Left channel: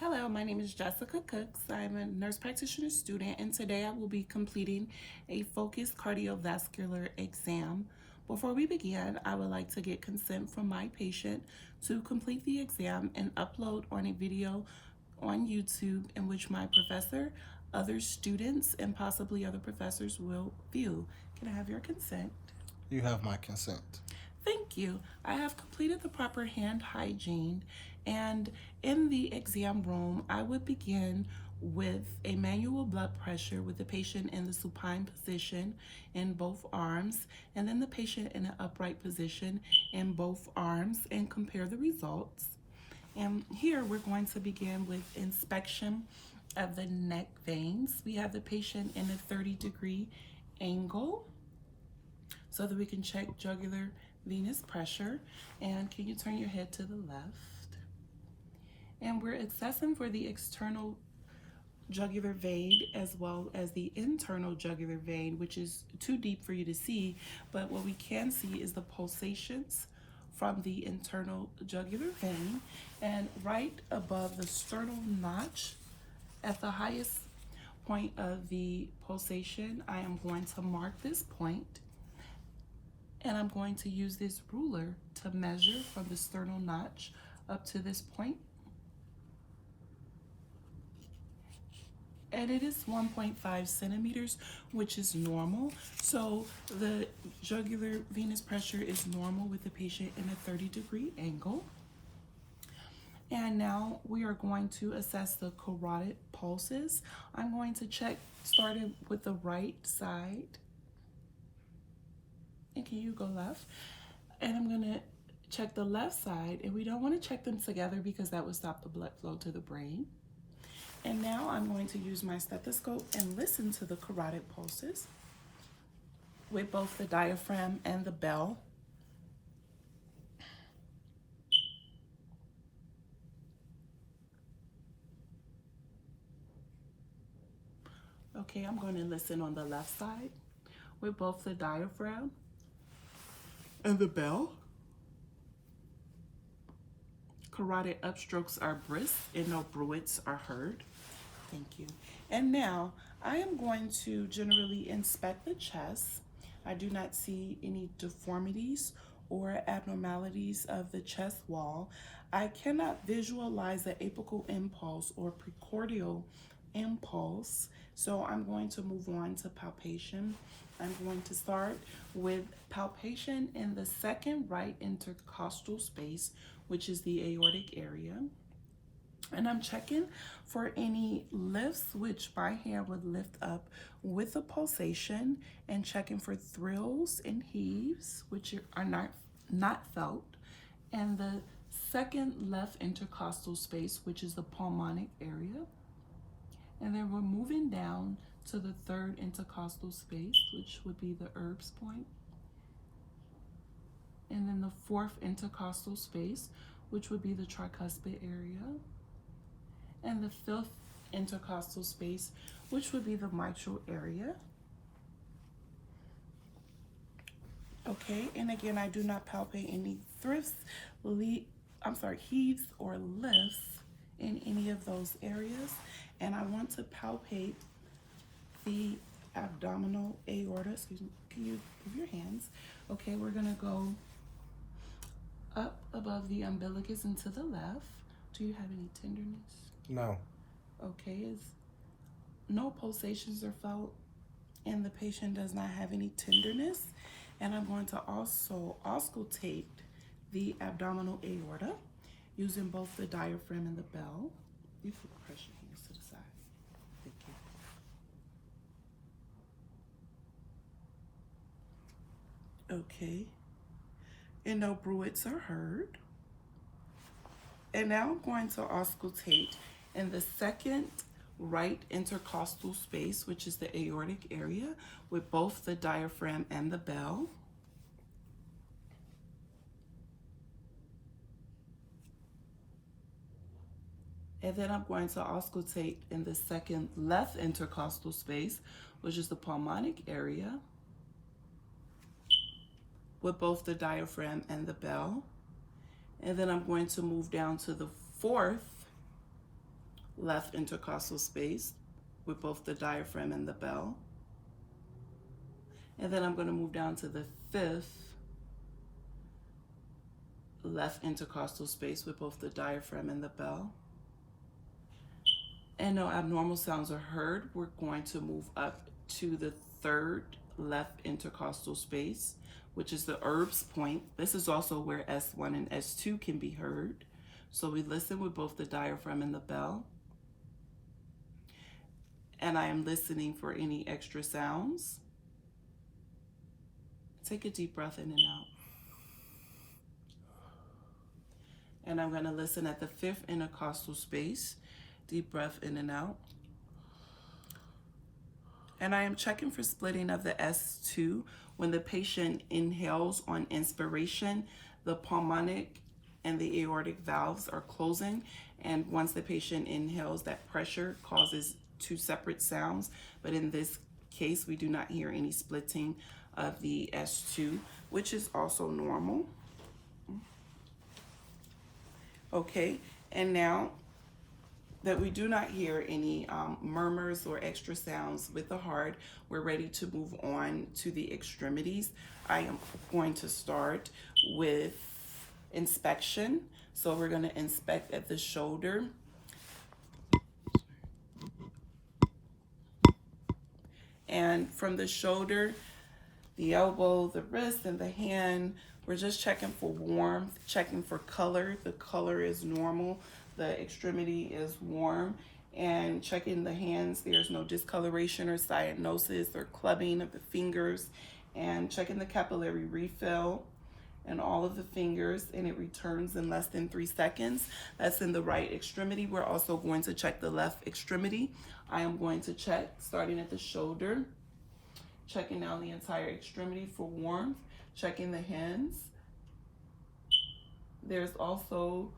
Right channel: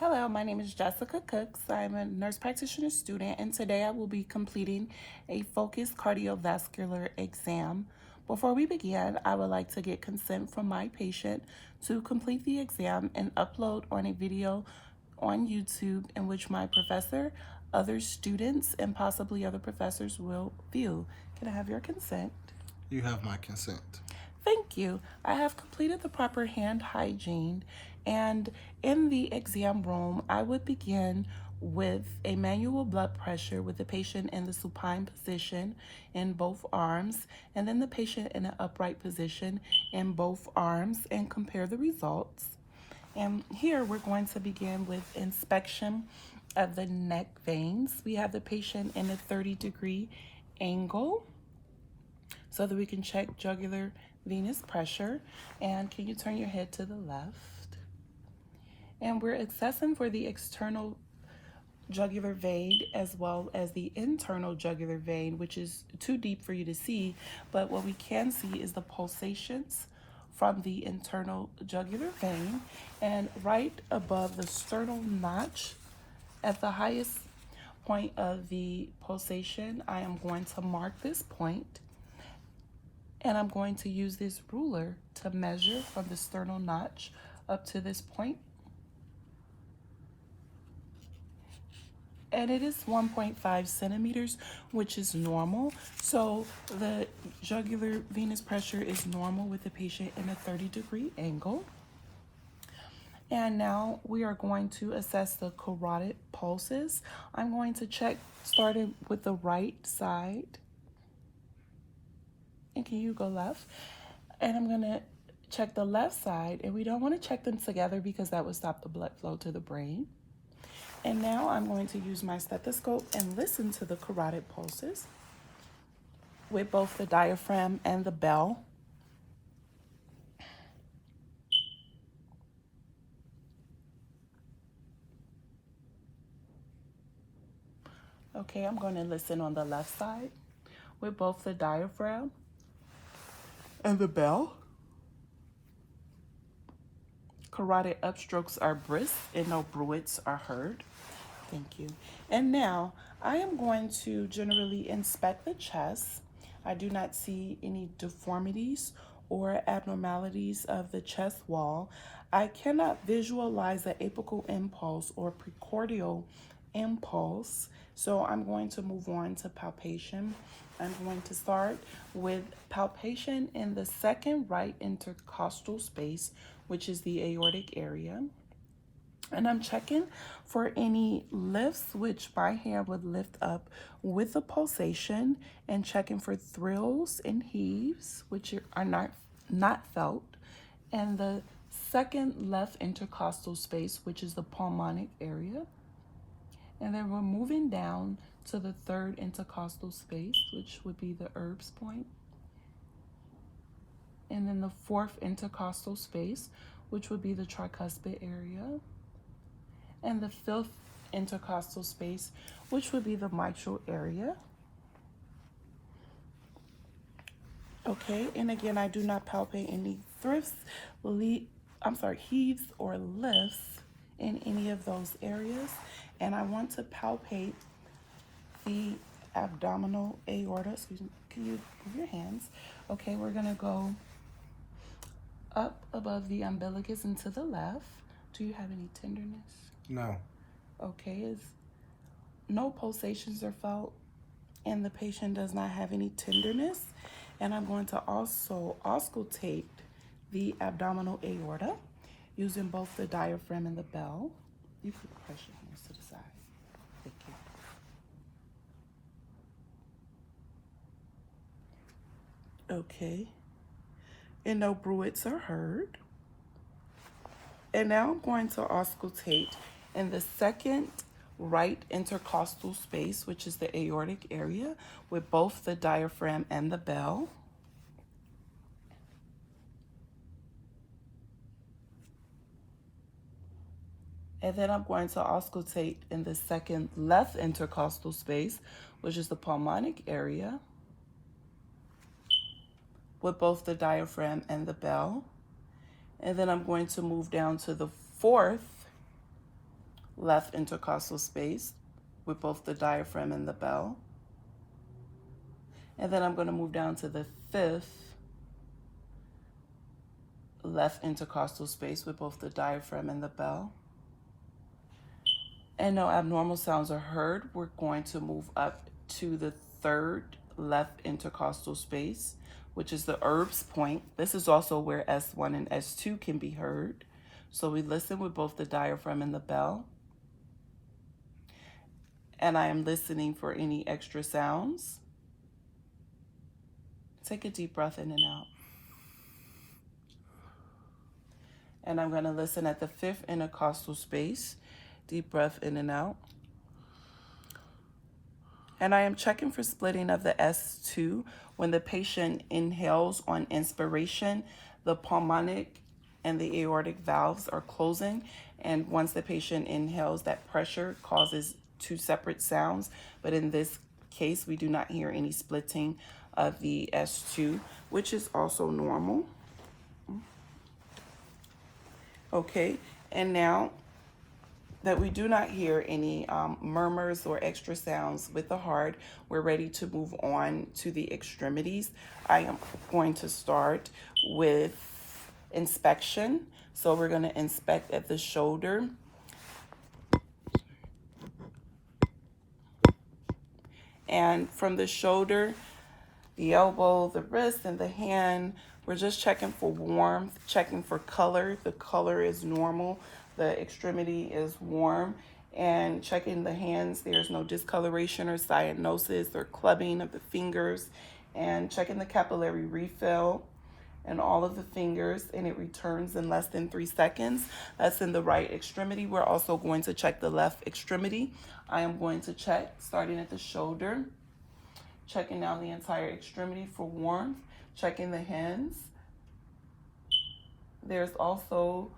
Hello, my name is Jessica Cooks. I'm a nurse practitioner student, and today I will be completing a focused cardiovascular exam. Before we begin, I would like to get consent from my patient to complete the exam and upload on a video on YouTube in which my professor, other students, and possibly other professors will view. Can I have your consent? You have my consent. Thank you. I have completed the proper hand hygiene, and in the exam room, I would begin with a manual blood pressure with the patient in the supine position in both arms, and then the patient in an upright position in both arms, and compare the results. And here we're going to begin with inspection of the neck veins. We have the patient in a 30-degree angle so that we can check jugular venous pressure. And can you turn your head to the left? And we're assessing for the external jugular vein as well as the internal jugular vein, which is too deep for you to see, but what we can see is the pulsations from the internal jugular vein. And right above the sternal notch, at the highest point of the pulsation, I am going to mark this point, and I'm going to use this ruler to measure from the sternal notch up to this point. And it is 1.5 centimeters, which is normal. So the jugular venous pressure is normal with the patient in a 30-degree angle. And now we are going to assess the carotid pulses. I'm going to check starting with the right side. And can you go left? And I'm gonna check the left side, and we don't want to check them together because that would stop the blood flow to the brain. And now I'm going to use my stethoscope and listen to the carotid pulses with both the diaphragm and the bell. Okay, I'm going to listen on the left side with both the diaphragm and the bell. Carotid upstrokes are brisk and no bruits are heard. Thank you. And now I am going to generally inspect the chest. I do not see any deformities or abnormalities of the chest wall. I cannot visualize an apical impulse or precordial impulse, so I'm going to move on to palpation. I'm going to start with palpation in the second right intercostal space, which is the aortic area. And I'm checking for any lifts, which my hand would lift up with a pulsation, and checking for thrills and heaves, which are not felt. And the second left intercostal space, which is the pulmonic area. And then we're moving down to the third intercostal space, which would be the Erb's point. And then the fourth intercostal space, which would be the tricuspid area. And the fifth intercostal space, which would be the mitral area. Okay, and again, I do not palpate any heaves or lifts in any of those areas. And I want to palpate the abdominal aorta. Excuse me, can you move your hands? Okay, we're gonna go up above the umbilicus and to the left. Do you have any tenderness? No. Okay, no pulsations are felt, and the patient does not have any tenderness. And I'm going to also auscultate the abdominal aorta using both the diaphragm and the bell. You can press your hands to the side. Thank you. Okay, and no bruits are heard. And now I'm going to auscultate in the second right intercostal space, which is the aortic area, with both the diaphragm and the bell. And then I'm going to auscultate in the second left intercostal space, which is the pulmonic area, with both the diaphragm and the bell. And then I'm going to move down to the fourth left intercostal space with both the diaphragm and the bell. And then I'm going to move down to the 5th left intercostal space with both the diaphragm and the bell. And no abnormal sounds are heard. We're going to move up to the 3rd left intercostal space, which is the Erb's point. This is also where S1 and S2 can be heard. So we listen with both the diaphragm and the bell. And I am listening for any extra sounds. Take a deep breath in and out. And I'm going to listen at the 5th intercostal space. Deep breath in and out. And I am checking for splitting of the S2. When the patient inhales on inspiration, the pulmonic and the aortic valves are closing. And once the patient inhales, that pressure causes 2 separate sounds. But in this case, we do not hear any splitting of the S2, which is also normal. Okay, and now that we do not hear any murmurs or extra sounds with the heart, we're ready to move on to the extremities. I am going to start with inspection. So we're going to inspect at the shoulder. And from the shoulder, the elbow, the wrist, and the hand, we're just checking for warmth, checking for color. The color is normal. The extremity is warm. And checking the hands, there's no discoloration or cyanosis or clubbing of the fingers. And checking the capillary refill and all of the fingers, and it returns in less than 3 seconds. That's in the right extremity. We're also going to check the left extremity. I am going to check starting at the shoulder, checking down the entire extremity for warmth, checking the hands. There's also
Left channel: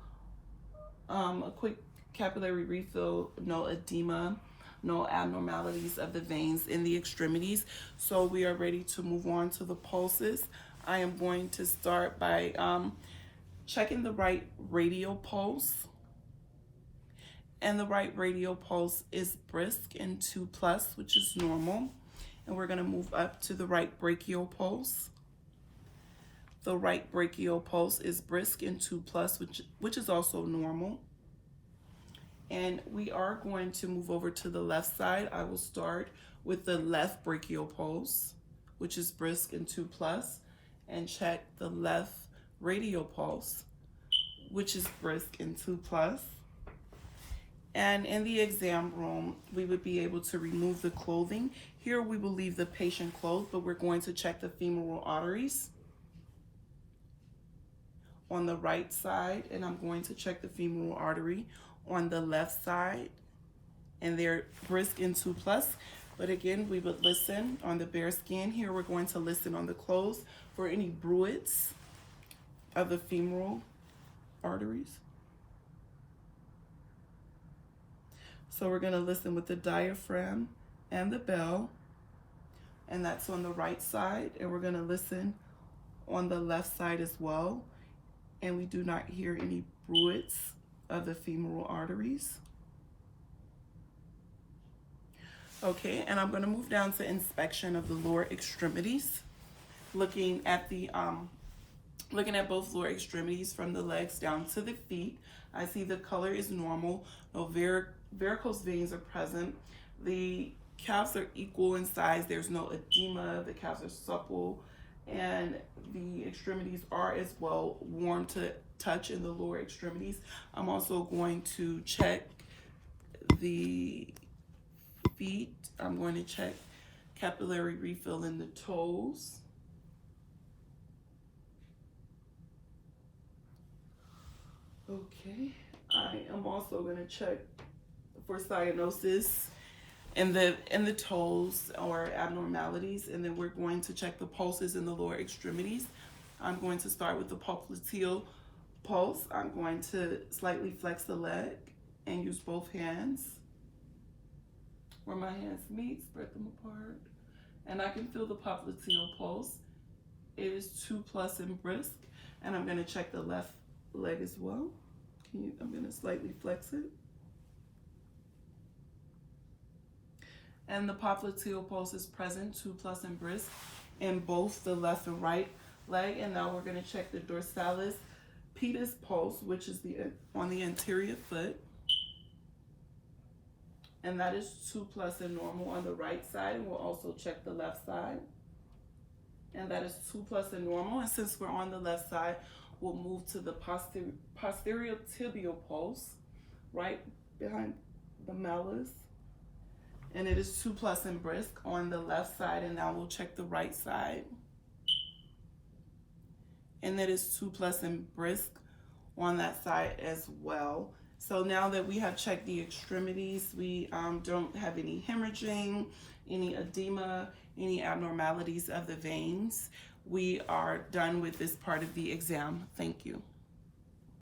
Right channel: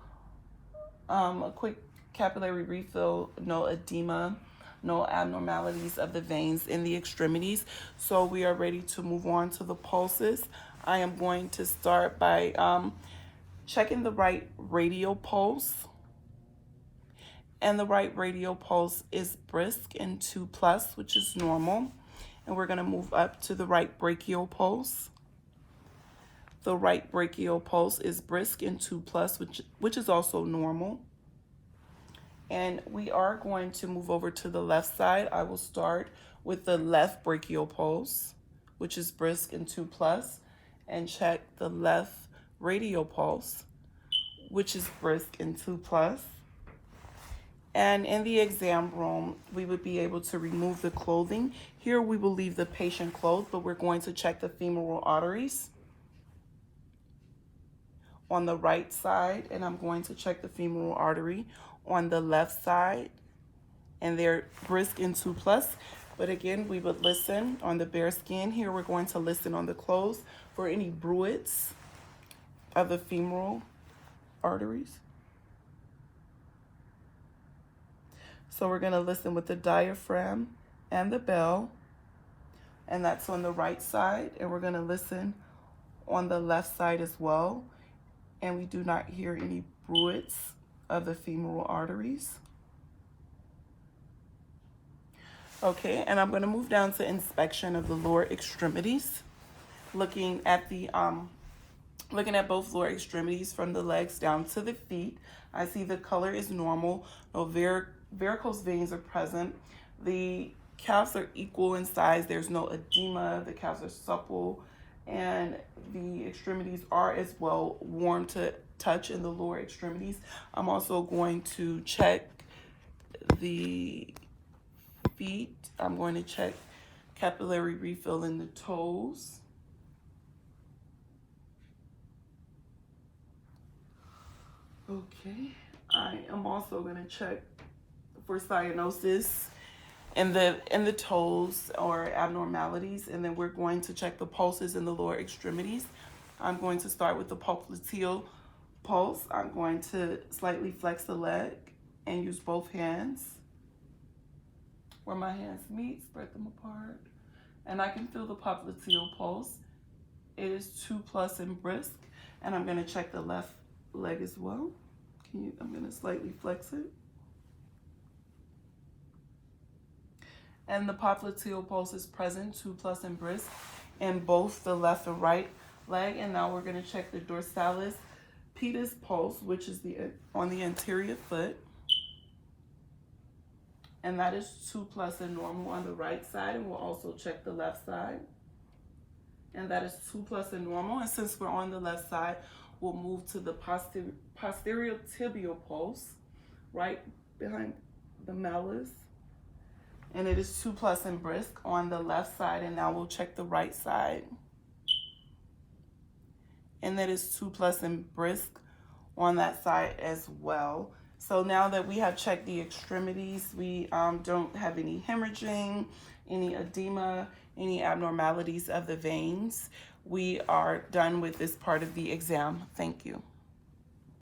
a quick capillary refill, no edema, no abnormalities of the veins in the extremities. So we are ready to move on to the pulses. I am going to start by checking the right radial pulse. And the right radial pulse is brisk and 2+, which is normal. And we're going to move up to the right brachial pulse. The right brachial pulse is brisk and 2+, which is also normal. And we are going to move over to the left side. I will start with the left brachial pulse, which is brisk and 2+, and check the left radial pulse, which is brisk and 2+. And in the exam room, we would be able to remove the clothing. Here we will leave the patient clothed, but we're going to check the femoral arteries on the right side, and I'm going to check the femoral artery on the left side, and they're brisk and 2+. But again, we would listen on the bare skin. Here we're going to listen on the clothes for any bruits of the femoral arteries. So we're going to listen with the diaphragm and the bell, and that's on the right side. And we're going to listen on the left side as well. And we do not hear any bruits of the femoral arteries. Okay, and I'm going to move down to inspection of the lower extremities, looking at both lower extremities from the legs down to the feet. I see the color is normal. No varicose veins are present. The calves are equal in size. There's no edema. The calves are supple, and the extremities are as well warm to touch in the lower extremities. I'm also going to check the feet. I'm going to check capillary refill in the toes. Okay, I am also going to check for cyanosis in the toes or abnormalities, and then we're going to check the pulses in the lower extremities. I'm going to start with the popliteal pulse. I'm going to slightly flex the leg and use both hands. Where my hands meet, spread them apart, and I can feel the popliteal pulse. It is 2+ and brisk, and I'm going to check the left leg as well. I'm going to slightly flex it. And the popliteal pulse is present, 2+ and brisk, in both the left and right leg. And now we're going to check the dorsalis pedis pulse, which is on the anterior foot. And that is 2+ and normal on the right side. And we'll also check the left side. And that is 2+ and normal. And since we're on the left side, we'll move to the posterior tibial pulse, right behind the malleus. And it is 2+ and brisk on the left side. And now we'll check the right side. And that is 2+ and brisk on that side as well. So now that we have checked the extremities, we don't have any hemorrhaging, any edema, any abnormalities of the veins. We are done with this part of the exam. Thank you.